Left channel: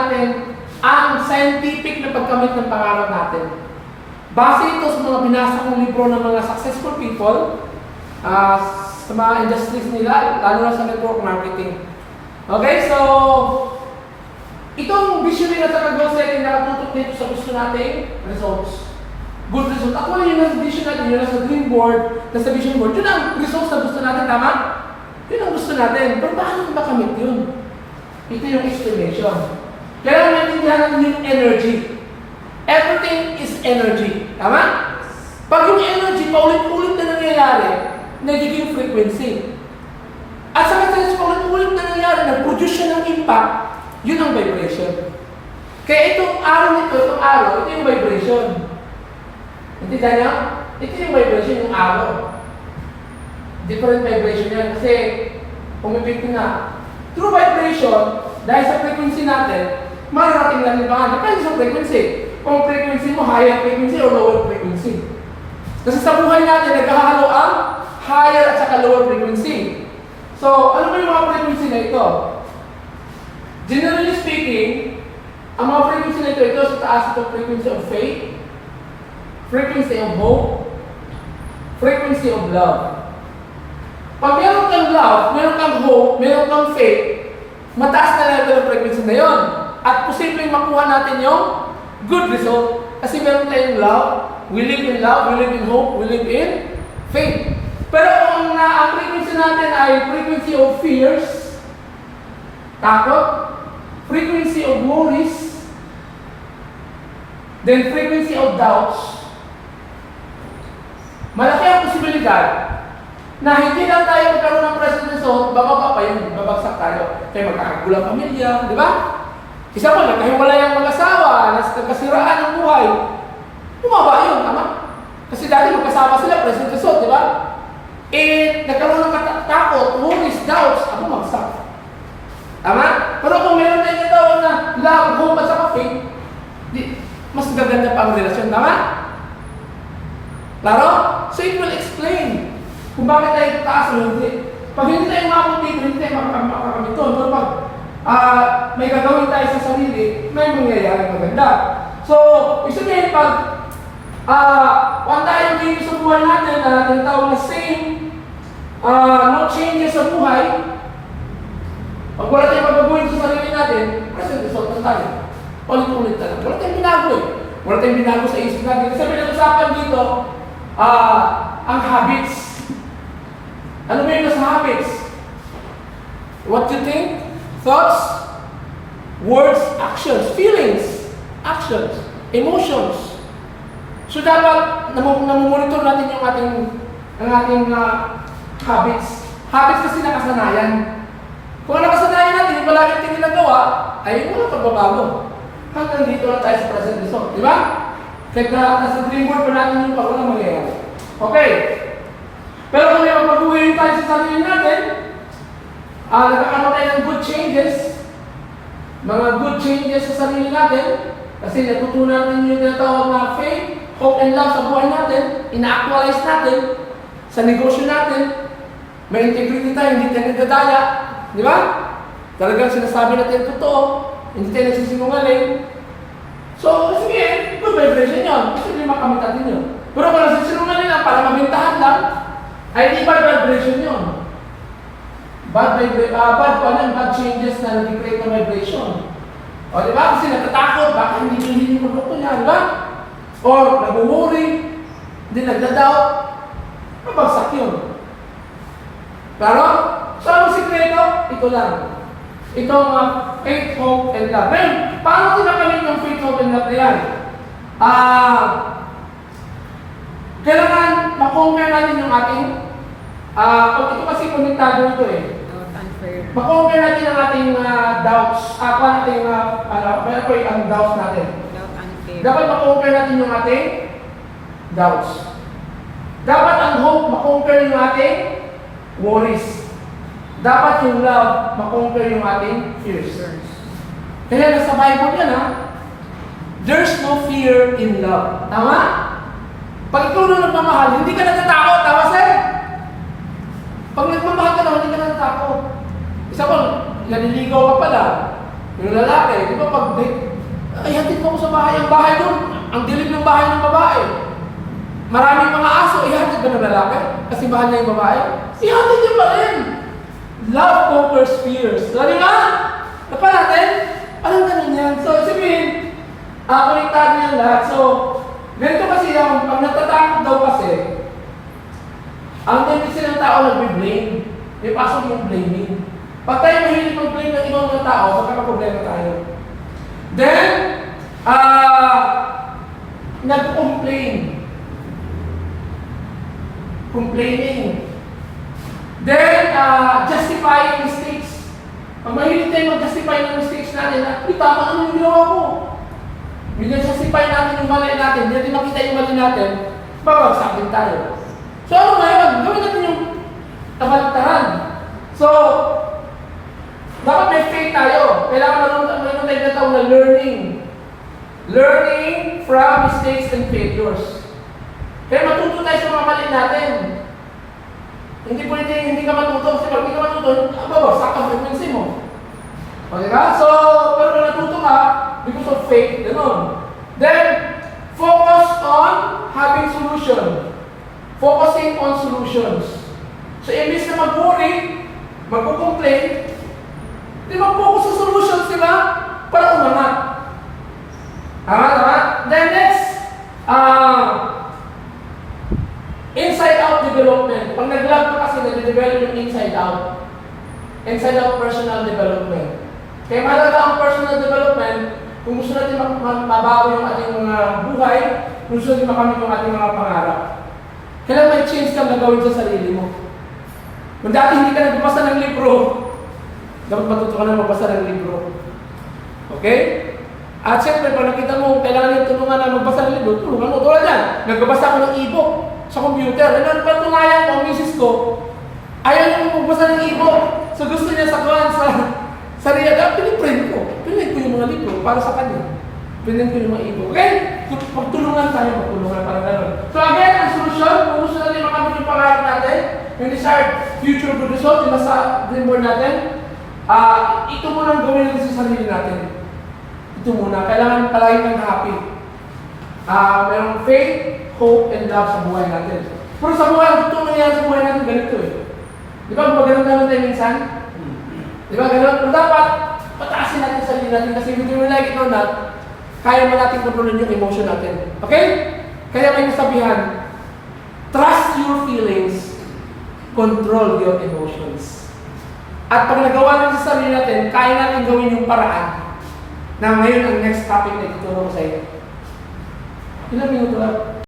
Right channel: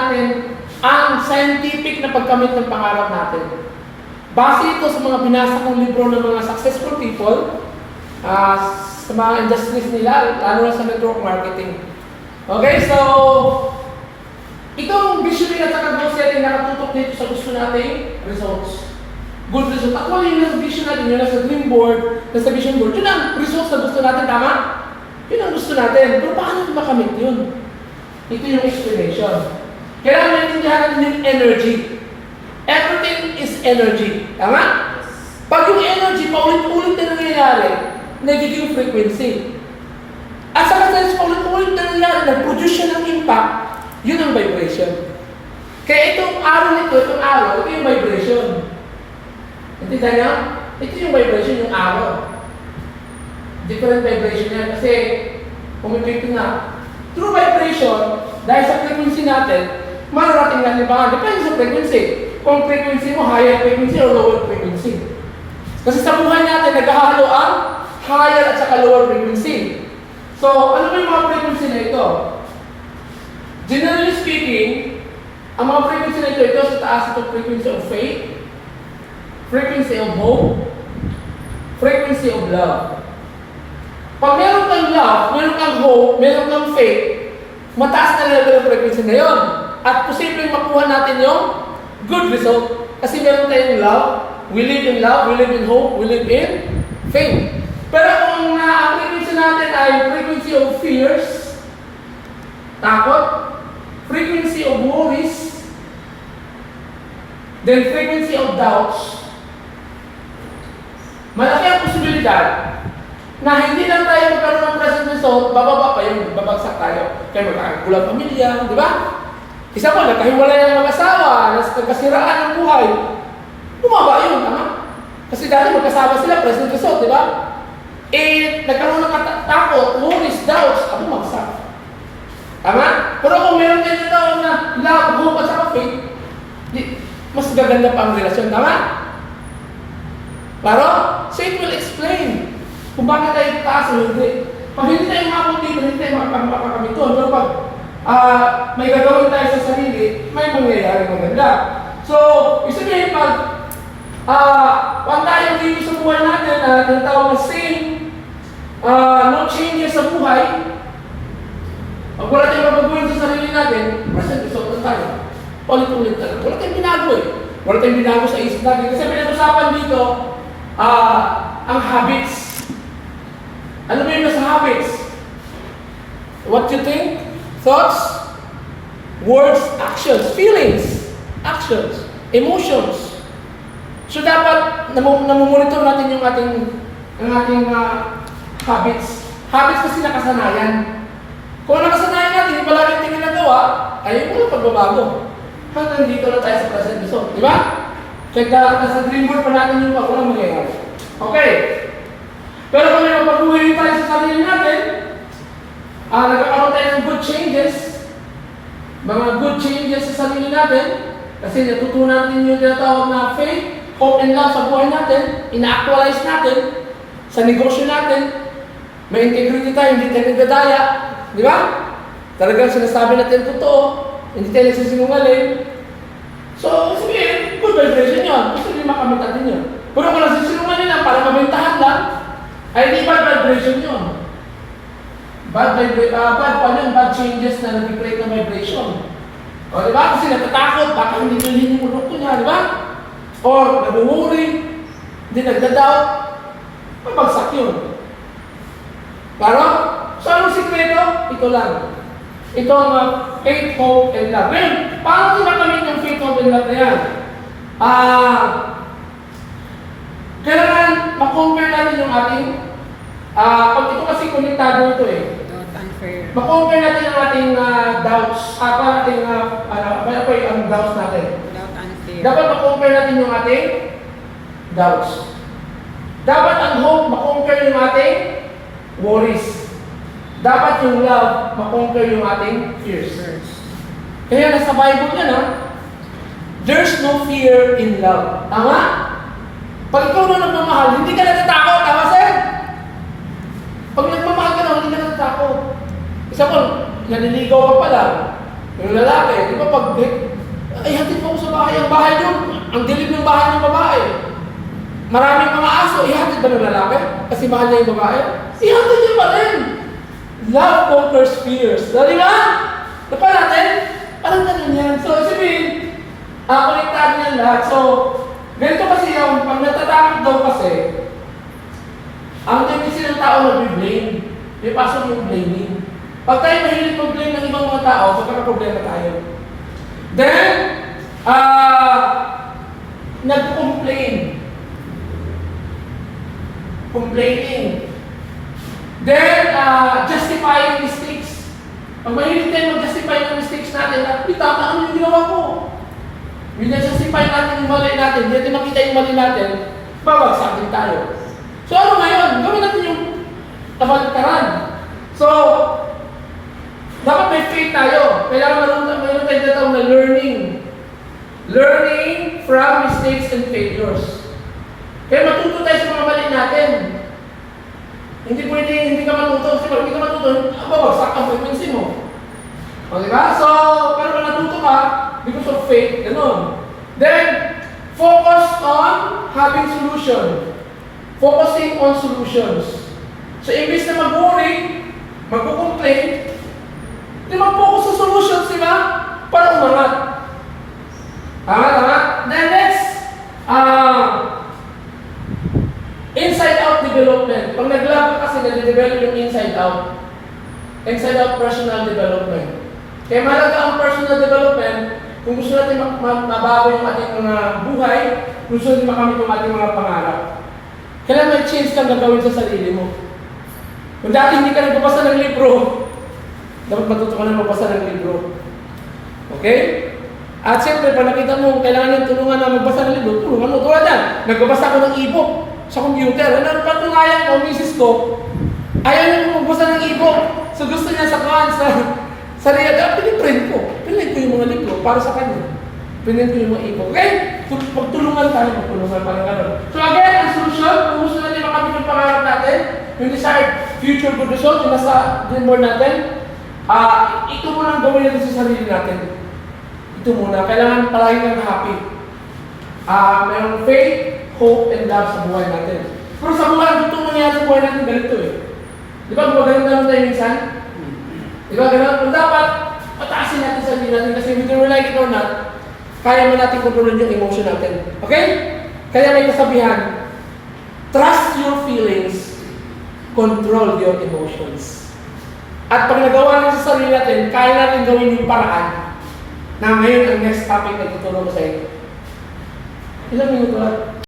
natin ang scientific na pagkamit ng pangarap natin. Base ito sa mga binasa kong libro ng mga successful people sa mga industries nila, lalo na sa network marketing. Okay, so itong visioning at saka goal setting nakatutok dito sa gusto nating results. Good results. Actually, yun ang vision natin, yun ang sa dream board, nasa vision board, yun ang results na gusto natin, tama? Yun ang gusto natin. Pero paano natin makamit yun? Ito yung explanation. Kailangan maintindihan natin yung energy. Everything is energy. Tama? Pag yung energy, paulit-ulit na nangyayari, nagiging frequency. At sa kasi paulit-ulit na nangyayari, nag-produce siya ng impact, yun ang vibration. Kaya itong araw nito, ito yung vibration. Intindihan niyo? Ito yung vibration, yung araw. Different vibration yan kasi pumipigil na. Through vibration, dahil sa frequency natin, mararating natin pa. Depende sa frequency. Kung frequency mo, higher frequency o lower frequency. Kasi sa buhay natin, naghahalo ang higher at saka lower frequency. So, ano ba yung mga frequency na ito? Generally speaking, ang mga frequency na ito sa taas ito frequency of faith, frequency of hope, frequency of love. Pag meron kang love, meron kang hope, meron kang faith, mataas na level of frequency na yun. At posibleng makuha natin yung good result. Kasi meron tayong love, we live in love, we live in hope, we live in faith. Pero kung ang frequency natin ay frequency of fears, takot, frequency of worries, then frequency of doubts, malaki ang posibilidad na hindi lang tayo magkaroon ng present result, bababa pa yung babagsak tayo. Kaya magkakagulo ang pamilya, di ba? Isa pa, nagkahiwalay ang mag-asawa, nagkasiraan ng buhay. Bumaba yun, tama? Kasi dahil magkasama sila, present result, di ba? Nagkaroon ng takot, worries, doubts, bumagsak. Tama? Pero kung meron tayo tawag na love, hope, at saka faith, mas gaganda pa ang relasyon, tama? Claro? So it will explain kung bakit tayo taas o hindi. Pag hindi tayo makapag dito, hindi tayo makakamit ito. Pero pag may gagawin tayo sa sarili, may mangyayari maganda. So, isipin pag wala tayong dito sa buhay natin na tinatawag na same, no changes sa buhay, pag wala tayong mabaguhin sa sarili natin, present result na tayo. Ulit-ulit na lang. Wala tayong binago eh. Wala tayong binago sa isip natin. Kasi pinag-usapan dito, ang habits. Ano ba yung nasa habits? What you think, thoughts, words, actions, feelings, actions, emotions. So dapat namumonitor natin yung ating habits. Habits kasi nakasanayan. Kung nakasanayan natin, yung palagi natin ginagawa, ay wala pagbabago. Hanggang dito lang tayo sa present result. Di ba? Kaya nasa dream board pa natin yung walang mangyayari. Okay. Pero kung may mapaguhin tayo sa sarili natin, nagkakaroon tayo ng good changes, mga good changes sa sarili natin, kasi natutunan natin yung tinatawag na faith, hope, and love sa buhay natin, ina-actualize natin, sa negosyo natin, may integrity tayo, hindi tayo nagdadaya, di ba? Talagang sinasabi natin totoo, hindi tayo nagsisinungaling. So, sabihin, good vibration yun. Gusto nyo makamit natin yun. Pero kung nagsisinungaling lang, para mabintahan lang, ay hindi bad vibration yun. Bad changes na nag-create ng vibration. O, di ba? Kasi natatakot, baka hindi bilhin yung produkto niya, di ba? O, nabuwuri, hindi nagdadoubt, mabagsak yun. Claro? So, anong sikreto? Ito lang. Ito ang faith, hope, and love. Ngayon, paano tinakamit yung faith, hope, and love na yan? Kailangan makonquer natin yung ating pag ito kasi konektado ito eh. Makonquer natin yung ating doubts. Ang doubts natin. Doubt and fear. Dapat makonquer natin yung ating doubts. Dapat ang hope, makonquer yung ating worries. Dapat yung love, makonquer yung ating fears. Kaya nasa Bible yan there's no fear in love. Tama? Pag ikaw na nagmamahal, hindi ka natatakot. Tama, sir? Pag nagmamahal ka na, hindi ka natatakot. Isa po, naniligaw ka pala. Yung lalaki, di ba pag, ay, hatid mo ko sa bahay. Ang bahay doon, ang dilim ng bahay ng babae. Maraming mga aso, ihatid ba ng lalaki? Kasi mahal niya yung babae? Ihatid niya pa rin. Love conquers fears. Dali nga? Diba natin? Parang ganun yan. So, sabihin, konektado yan lahat. So, ganito kasi yung, pag natatakot daw kasi, ang tendency ng tao nag-blame. May pasok yung blaming. Pag tayo mahilig mag-blame ng ibang mga tao, magkakaproblema tayo. Then, nag-complain. Complaining. Then, justifying mistakes. Pag mahilig tayo mag-justify ng mistakes natin, tama ano yung ginawa ko. Binag-justify natin yung mali natin, hindi natin makita yung mali natin, babagsak din tayo. So ano ngayon? Gawin natin yung kabaliktaran. So, dapat may faith tayo. Kailangan mayroon tayo tinatawag na learning. Learning from mistakes and failures. Kaya matuto tayo sa mga mali natin. Hindi pwede, hindi ka matuto. Kasi pag hindi ka matuto, babagsak ang frequency mo. O diba? So, pero kung natuto ka, because of faith, gano'n. Then, focus on having solution. Focusing on solutions. So, imbis na mag-worry, mag-complain, di ba focus sa solutions, di ba? Para umangat. Tama? Then next, inside-out development. Pag nag-lab ka kasi, nade-develop yung inside-out. Inside-out personal development. Kaya mahalaga ang personal development kung gusto natin mabago yung ating mga buhay, kung gusto natin makamit yung ating mga pangarap. Kailangan may change kang gagawin sa sarili mo. Kung dati hindi ka nagbabasa ng libro, dapat matuto ka na magbasa ng libro. Okay? At siyempre, pag nakita mo, kailangan yung tulungan na magbasa ng libro, tulungan mo. Tulad yan, nagbabasa ako ng e-book sa computer. Ano, patunayan ko, misis ko, ayaw niya magbasa ng e-book. So gusto niya sa real, piniprint ko. Pinrint ko yung mga libro para sa kanya. Pinrint ko yung mga e-book. Okay? Pagtulungan tayo, parang gano'n. So again, ang solusyon, kung gusto natin makamit yung pangarap natin, yung desired future good result, yung nasa dream board natin, ito muna ang gawin natin sa sarili natin. Ito muna. Kailangan palagi kang happy. Mayroong faith, hope, and love sa buhay natin. Pero sa buhay, ito nangyayari sa buhay natin ganito eh. Di ba, magandang tayo minsan? Di ba, gano'n? Kung dapat, pataasin natin sa sarili natin kasi whether we like it or not, kaya mo natin kontrolin yung emotion natin. Okay? Kaya may kasabihan, trust your feelings, control your emotions. At pag nagawa natin sa sarili natin, kaya natin gawin yung paraan na ngayon ang next topic na itutulong sa iyo. Ilang minuto lang?